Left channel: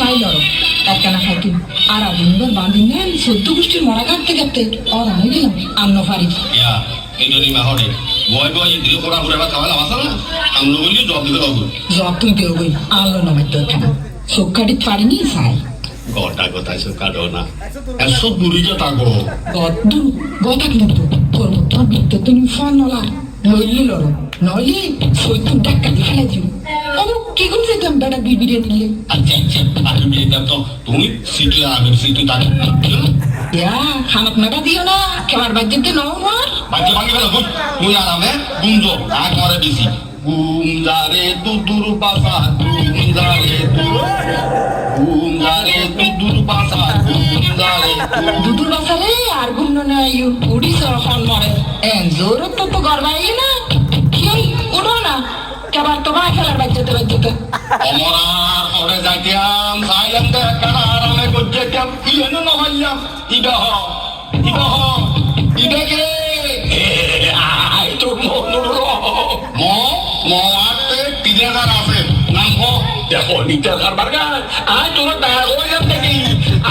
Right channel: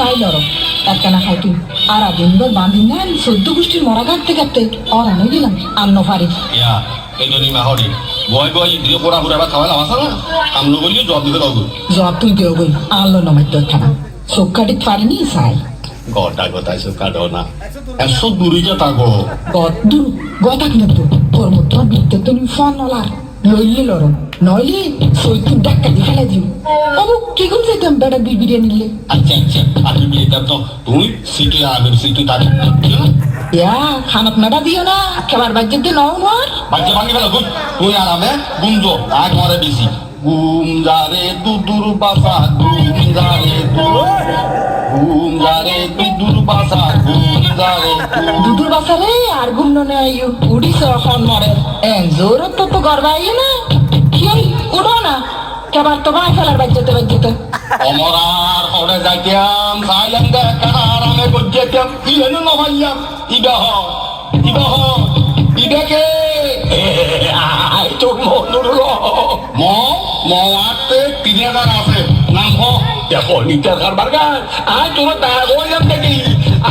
চাইল একখানা খাইতি আর আগুনবার বাঁধি না সদ্য গোষ্ঠী মরা কাটতে কাটতে আর আমি দিলাম আন্ন ফারি ইয়া এইজনী মাহরি গয় গয় ইদ্রি করা ঘুরে বা খাওয়া লাভ আছে না আমরা বলি জব দিতে পারবো জব তুই দেও গই আনলো নমাইতে খানা চোখ কাটি পারিনি চাই গটা গটাই সব কাটো না একশো দূরই যে থাকো গদ্দু গদাক নতো কর্মত্র বিদ্যে তুমি ফোন নলার লইলে লড় নইলে সৈতুন ডাক্কাতি ফেলাই দিও অবু কি করে যেতাম বেটা বিবিরে নিলে আচ্ছা আচ্ছা আমি বেদাম তো তুমি সিটে আগে সিটে থাকি ইয়া খানাত মেটা দিও না খেবার বাজ্যতে নও না বাচ্চা ভাঙি গেল তুই আরামে গুমজো আগ মরে দিছি গুমজারে দুদুর বাসা গুমজারে গুমজারে দুদুর বাসা গুমজারে দুদুর বাসারে আর ঘুম ননে আইও উড়িস এখন মরে এন জোর তো গর্বাই না কি উড়ো না কেবার তো গায়ে ফেলার বাজ্যতে বাজ্যতে অমরার হরে যাইতাম সাইলেন্ট একটা আরামে করতেতাম ইলেনো নভাইলাম ইডাহ ইডাহ ইডাকে আই তোর মনুর ম মতে 3000 আছে নাম হ দেখো নিতে কারবার গান আই তোর টাকা কইলাম দেখি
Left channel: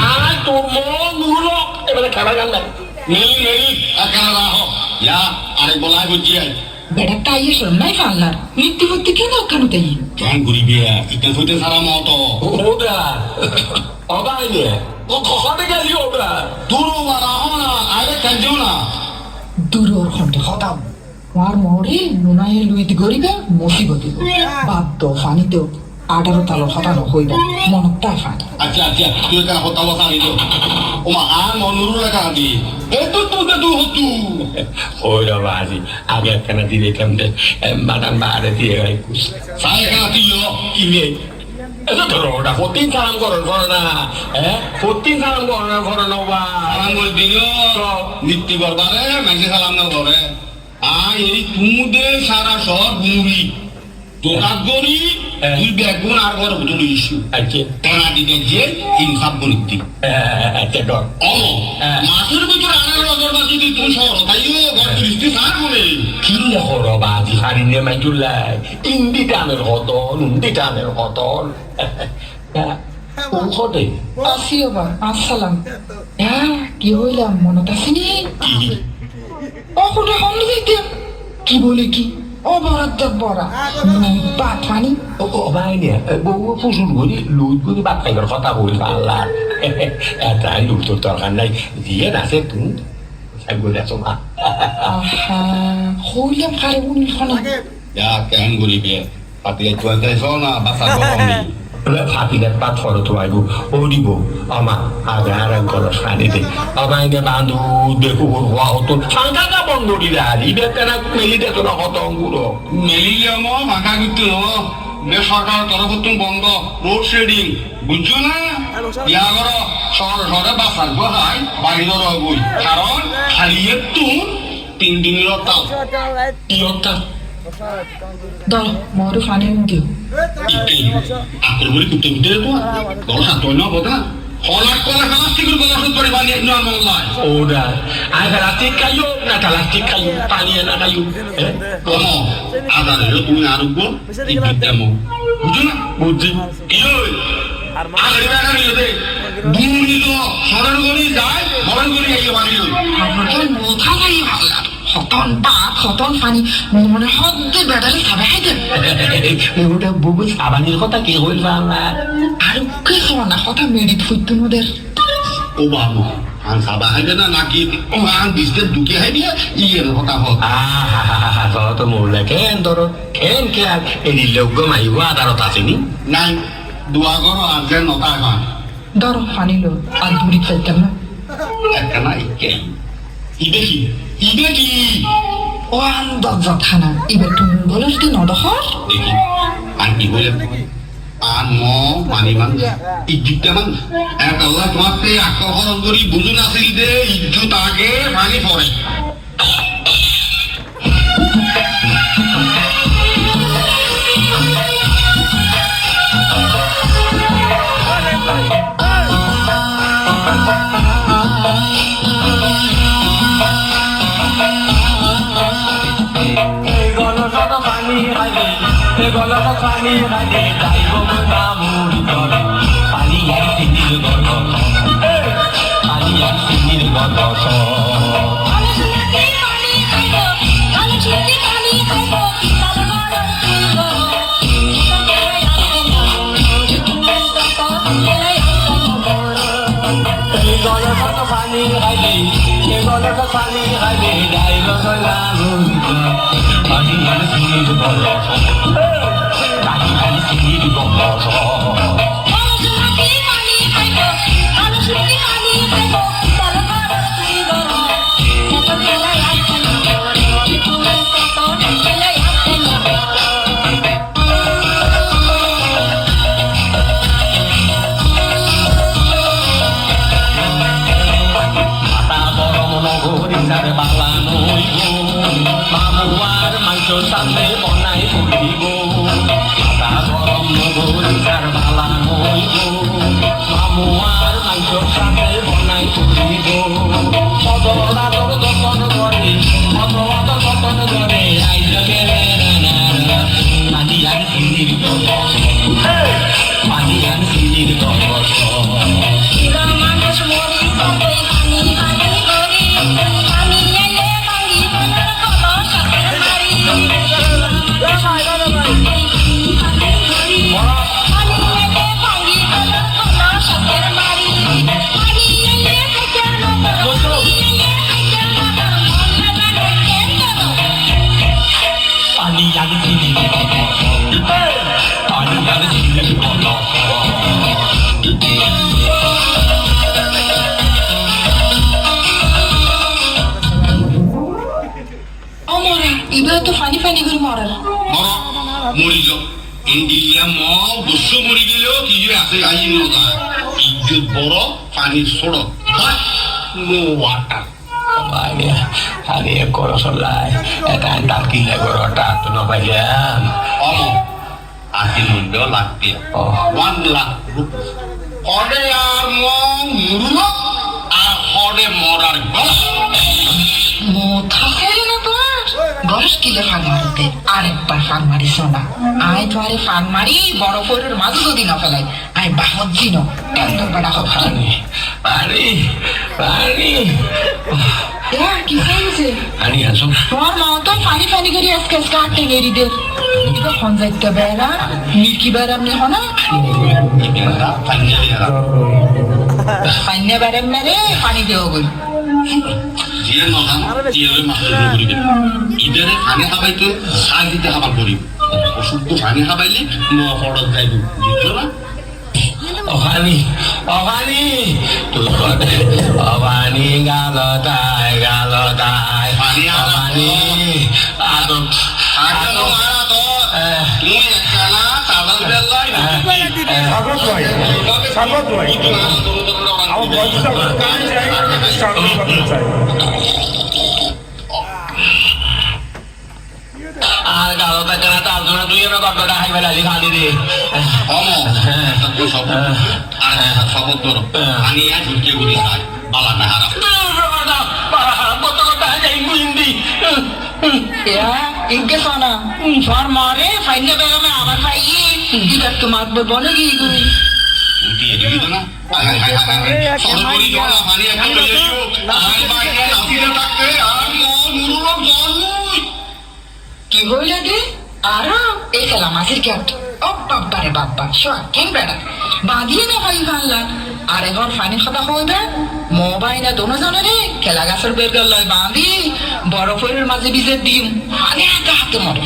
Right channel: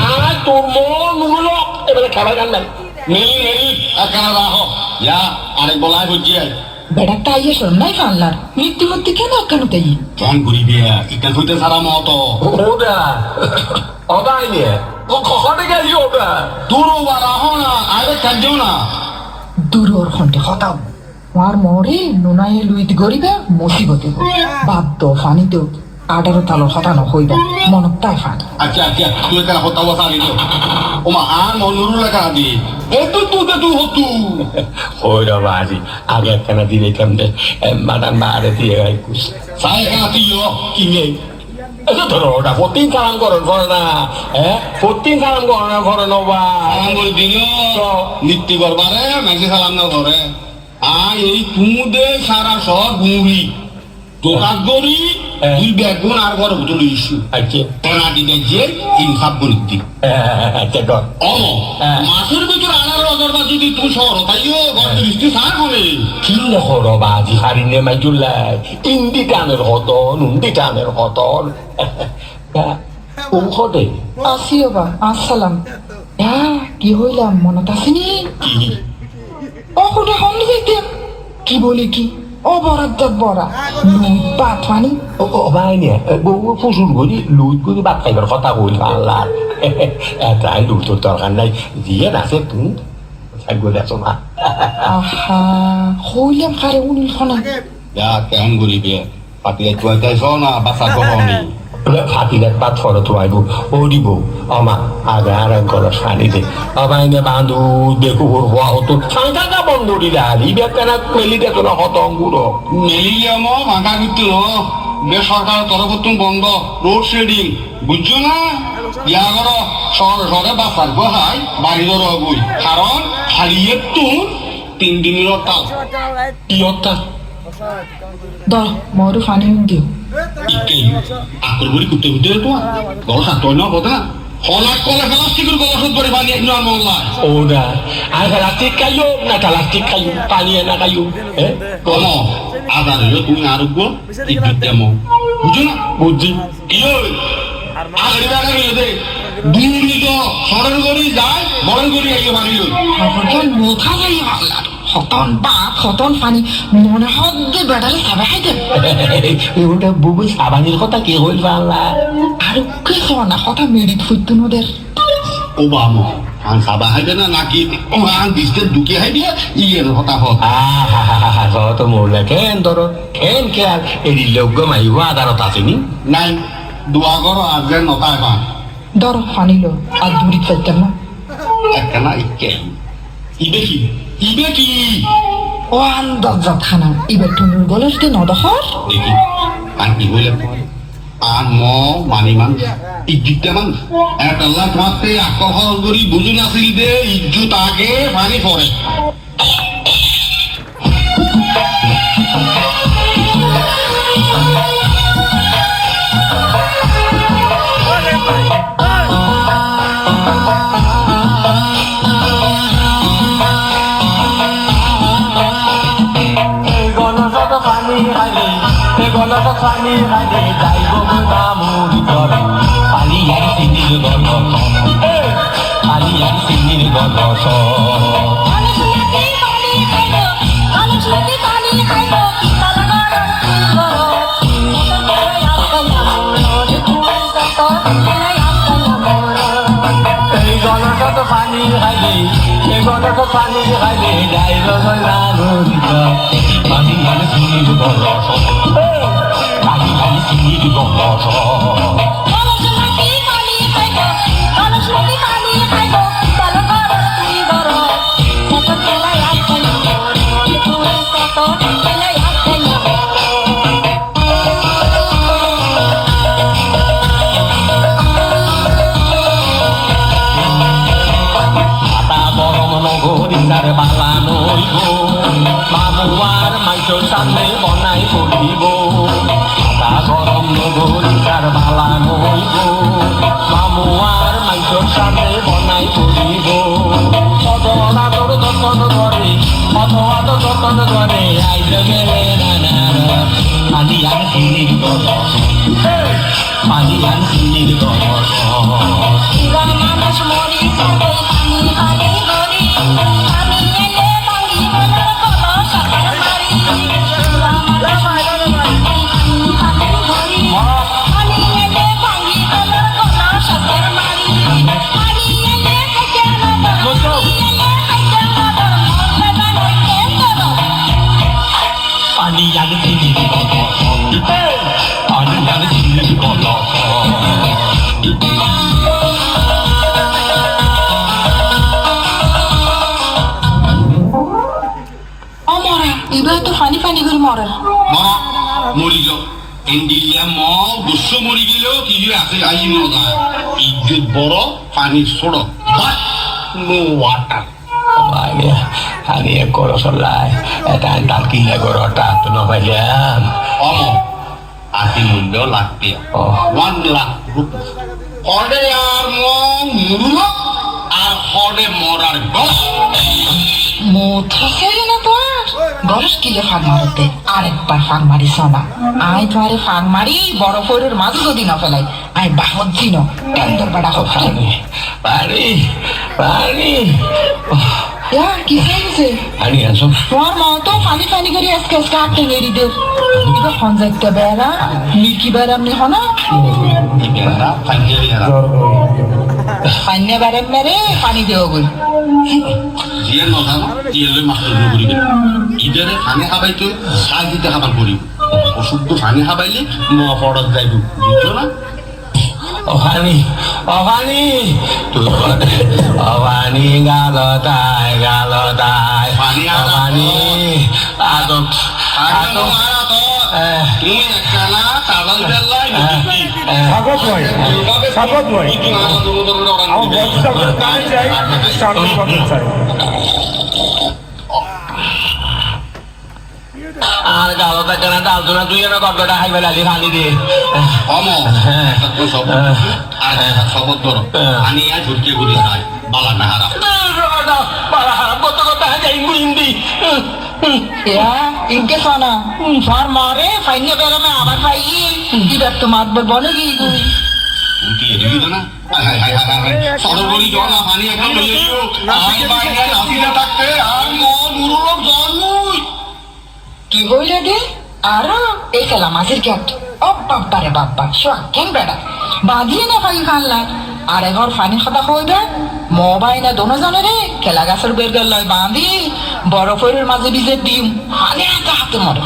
আই তোর মনুর এবারে খাবার গান নাই মেলি মেলি এখানে রাখো ইয়া আরেক বলাই বুঝিয়ে বেটা তাইয়ে শোন নাই ফাল্লার মৃত্যুমূর্তি কেন কেন তাই কেন করিবি ইকান হইতে সারা মতো ওদা ওদাই নিয়ে ও কখনে গেলি ওটা দূর বাড়া না আরে কাঞ্জো না দূরর খন্ডে হতাম আমার মরে নুনায়ে লুইত গরিবে মুসিবতে বাদ ফানিতেও 18 তালো হতানো হইবে মনত তাই ফানি আচ্ছা আচ্ছা তুই কেন হতা বসা নিল ওমা আর মনুরু লেখা দি এ তো তুই তুই হতু ওইরা বাজি আগে একখানা দিবে কেমনে মাদাম বাড়ে দিয়ে গাইকুস সাই কেন দিও কি নেই এটা ধরো ওটা প্রতিদিন সালাম করেন করে না হ্যাঁ প্রতিদিন সালাম করেন করে নবা সালাম করে দিও নিত্য করবারে মেসে সালাম না করে এই তুমুদে সারা সব মুড়ি দোকান করি তুই বেগুন আর ঘর ভিতরে ইস্যু আচ্ছা টানা দিতে যে ইনসাফ গণিত আচ্ছা কর অম মাসের ভিতরে আনার অজরবা যদি তুমি শহর তাইও ঘর দৃষ্টি সার করে কি হরো বাজি হারিনে মাইজুল্লাই ইন্দি টানের হতন উন্দি টানের হতন ঔষধে আসিও বা আসসালাম কি হইলাম মনত আসেনি অকুটে কম দিতে কি বলে কি অবরাদ্দ বড়া বাদ পানি ও ভাই নিয়ে বউ ফুসুল করি লুই করি বাদ খাইবার কথা কই আল্লাহ তাই লুই তোর দরকার নাই দিয়ে নাচে তুমি থাকবো দেখো না আহা হইলাম কারে উনি ফোনা যা কেমন করিবে পাতিয়ে চুয়াইতে না বাসা গরমে ফাতিলের পাত ফলো তো আইব ও দিব আমা আগে আরাম করো শাড়ি দে আমাইনে বান্ধু দেখো ওর হওয়া হতো সাংঘাতা বন্ধ দিলা দিবে কেন মেলি দেখো না হত অঙ্গুরো মেলিয়ে মাথা কিন্তু বেসরকার তরফ তুমি বন্ধ রোড শেডিং বুঝছো না ইয়া করো শহরে শহরে বাসার বহাই বাড়ির রবই কারণ খালি একটু 3 দিনের তাও কি অর্থাৎ দ মরু ফানি দিও আকল বলি কুত্তে কুত্তে তো বড় সাত না কথা হলাক কলা প্লাস্টিকের গলাসত করে বানিয়ে না নয় ওরা আগে রাতে খাইও না প্লাস্টিক খাইও পানি না খাইও কম আবার তুমি আরোগ্য বিদ্যাম বুঝছো না বুঝছি কি হই আগে টাকা নিয়ে দে দুই তো সরের গড়ি যায় বড় গড়ি আইয়ে বানিয়ে আবার মোথা গাই হতন বাপ হতন ফানি মনে হদ্দে বেড়ালে খাবে খাইতে ওটা বুবু সাবানির কথা কে হইল বাংলা আর কে খাওয়া না কথা মেরিট ফুটতো ওদের ও বাবু আন সাবা হাইবে না নাকি ও আন দিস্তে ঢুকে হাইবে ইয়ের হতা হত তোরা তো মরলে কেন ধরো কেন খেয়াল এই লোক মাইব আদালত আসেনি নাই দোয়া করো আজকে নতা এখন ধর ফানি লো আর দূরি ফেলতাম না একখানা ইকে ইবে কি ইবে কি ও আন দরজা থানা এবার তুমি বলস দিন অদহর দেখি আর কি বলে আর মানি মান ইজ্জুতে মান এক আল্লাহ তোমাকে আকর্ষণ করি বুঝুন আসিল দে ইজ্জুত আগে পানি পড়ে গলত পানী খালে যাইব না মুড়ি ধরে পানী পানি খাইলে যাইব পানি খালি সিঁড়ি বড় পানি খালি সিঁড়ি বড় নগরীর বালানো হইব মামুয়ার মাইসোর সামনে বনাই পড়িব আটা গরম নগরীর বালানো হইব মামুয়ার মাইসোর সামনে বনাই পড়িব কত আদর যতন করে কত আদর যতন করে আইজ মেরে নানা পানি আনছির পানি আনছির মানুষ মরি সবাই পানি পানি করি পানি এলে পানি বলে বলো সবার মারি পানি এলে পানি বলে বলো সবার মারি পানি এলে খাইতে না পানি এলে খাইতে না পানি আনছির পানি আনছির বলো মরা এবার তো ফানি ফানি করে মরা মরি যাও ইন্ডিয়া ম দুশো মরি গেলেও কি যে আছে আই নদা ইজ্জত বড় পানি ছোড়ো নো ওয়াটার আমি করো সলাই এটা তার কিনে করো টাক নপাইলাম অম আশি মূল্য লাগবে 1 লাখ রুপি হরে আর মুরুল আর হরে মরার গস মোথা ফেরে না তো গরস কিলে ফাঁক মারতে আরেকবার ফাঁক মারিস না আয় তো আরে ফাঁক মারি বড় ফোরের মাঝে যদি না ফেলাই আয় বাহত দিন ট্যান্ডর বাড়া হোক পানি পানি পানি কি হয়েছে পানি আসো তোমার মা তো ফানি ফানি করে আজকে আজকে আটকে মেরি দে এটা খঞ্জাইতে বেড়া মির্কি বেড়া আপনি হনা পাইনে বেড়ে মেরে পানি দেওয়া গই জিয়ে নজানো জিয়ে মাস্টার করি ইদারে পানি খাবাইতে সার দিতে খাবার করি ওষুধ তো পানি খাবাইলে ন পড়ত যাইব বুঝছো না অভানি অভানি অভানি গালতায় গালতায় পানি অভানি আদম আদম তুমি একখানা তালাল বেল্লাই স্বাগত ভাই স্বাগত ভাই আমার বয়সটা কানে চাই স্বাগত করতে চাই আর গালতা কেন টালতো না তুই এবার গড্ডটা খাই ফেলালি খালি রে অম শপথ করো পানি আর ঝুঁকে ঘুরি খাই বালা না হারা কত কথা যাই বুঝি ইনকে সোনা তোমার মারে ফাইনে বেড়া মে আমার ভাই কি ব্যক্ত মাতবার বলে কি উঠিয়ে দিবি তো না সরবরি জল পানি একদম আর বাইরে নাসিটা থাকতে আর মুরুর জন্মই কি বইলে গে আর এই খেলা মাছের ক্যাট ও বাব্বারে বাব্বা শোয়া কেন বেড়া বাঁধিয়ে না ভাই খানলা আর এবার ফানি খাতা হইবে মোবাইল না দোনো জানে রে খেলা গাছের বের গেল বাঁধি বরফের মাঝে ভিজে ডিম ফানি হাতে মরে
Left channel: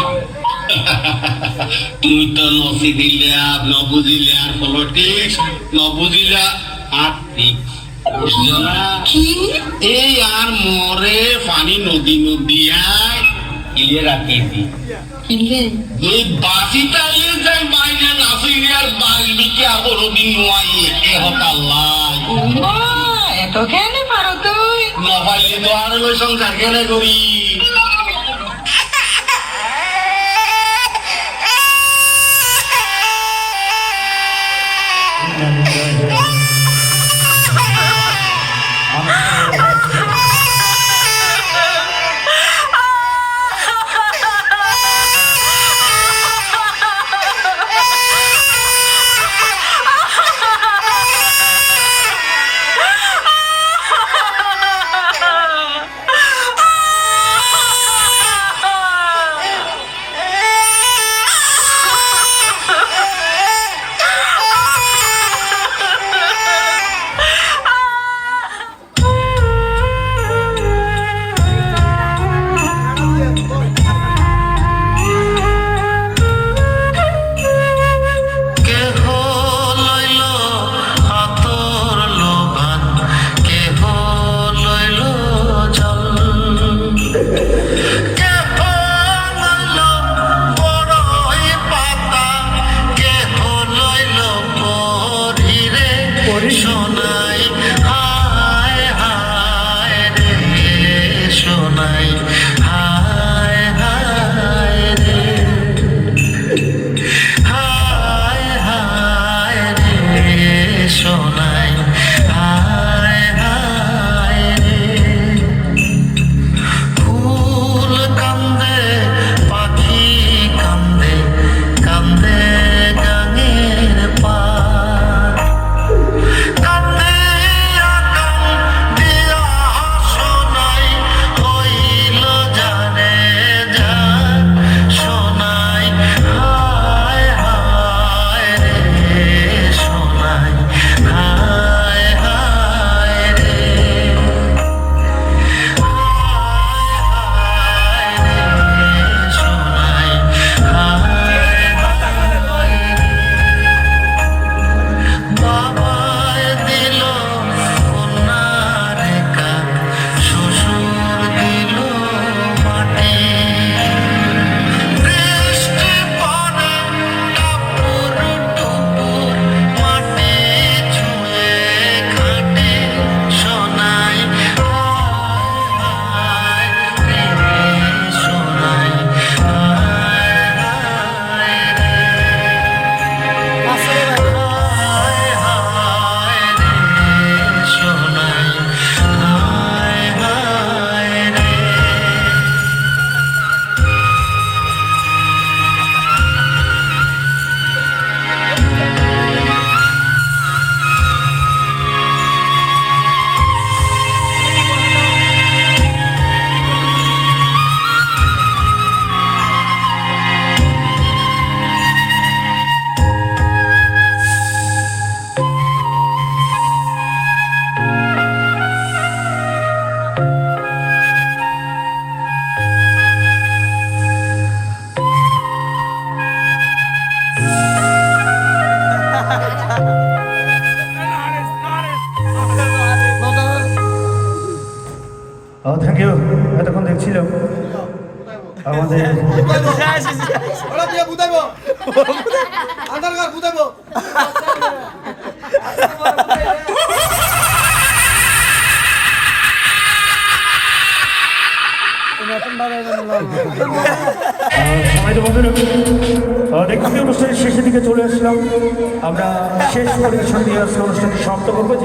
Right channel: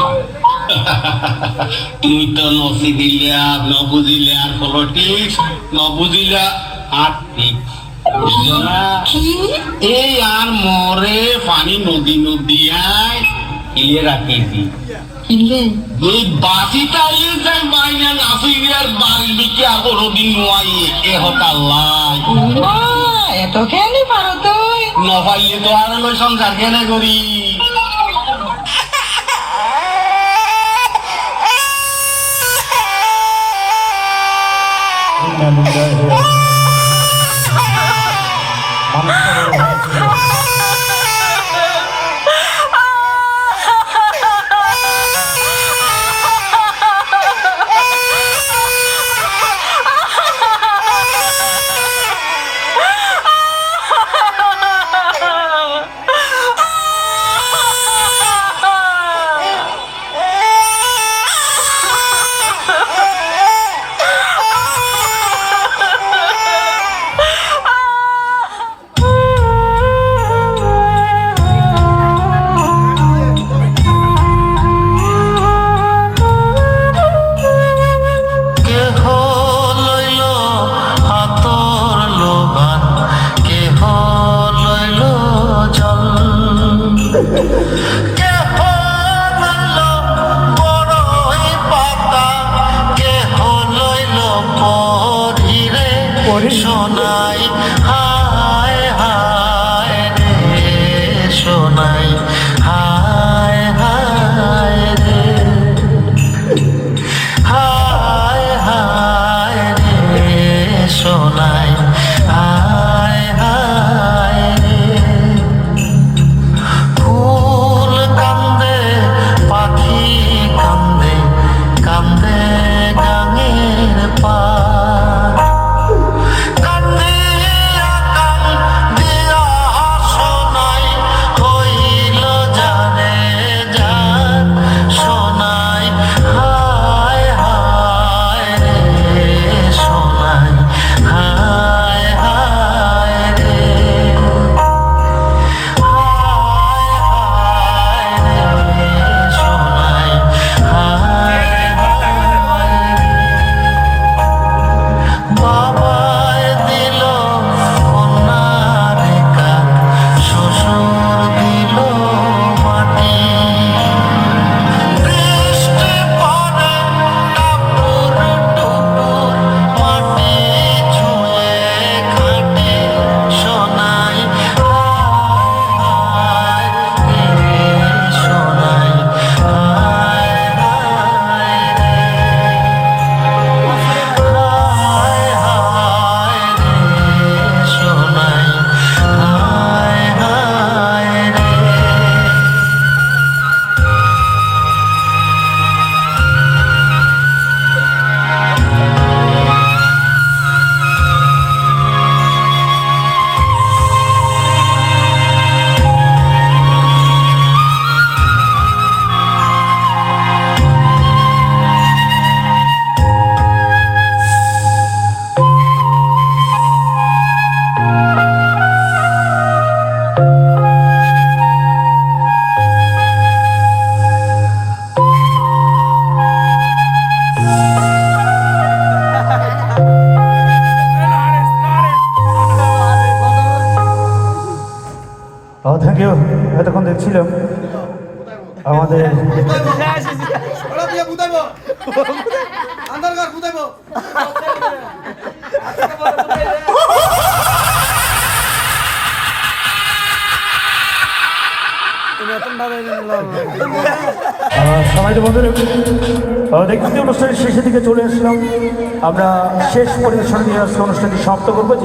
তুই তো নসি দিলা নবুঝিলা পলিটিক্স নবুঝিলা আর ঠিক বুঝলো না কি এই আর মরে পানি নদী নদিয়ায় ইয়ে রাখেছি কিনলে এই বাসিটা ইয়ে যাই বাইরে নাসিরিয়ার বাড়ি দিকে আর কোনোদিন নোয়াই এ হতাল্লাহ এত কেন পারো তুই নভাইলে তো আর নয় সংসার কেন করি পড়ি সোনাই হায় হায় রে সোনাই হায় হায় রে হায় হায় রে সোনাই হায় হায় রে ফুল কান্দে পাখি কান্দে কান্দে গাঙের পার কান্দে আকাম দিয়া সোনাই হইল জানে যার সোনাই হায় হায় রে সোনাই হায় হায় রে বাবায় দিল কন্যার কান শ্বশুর দিল মাটি বৃষ্টি পড়ে টাপুর টুপুর মাটি ছুঁয়ে খাটে সোনাই হায় রে সোনাই হায় হায় রে হায় হায় রে সোনাই হায় হায় রে থ্যাংক ইউ। এতক্ষণ দেখছিলাম আমাদের ওরা দিয়ে বুঝাইবো আন্দার ঘর বুঝাইবো সবাই তো বন্ধুরা দেখছি অনুষ্ঠানের শেষের দিকে চলে আসলাম। আমরা শেষ পরিবেশন দিয়ে আজকে অনুষ্ঠানটি সমাপ্ত করবো।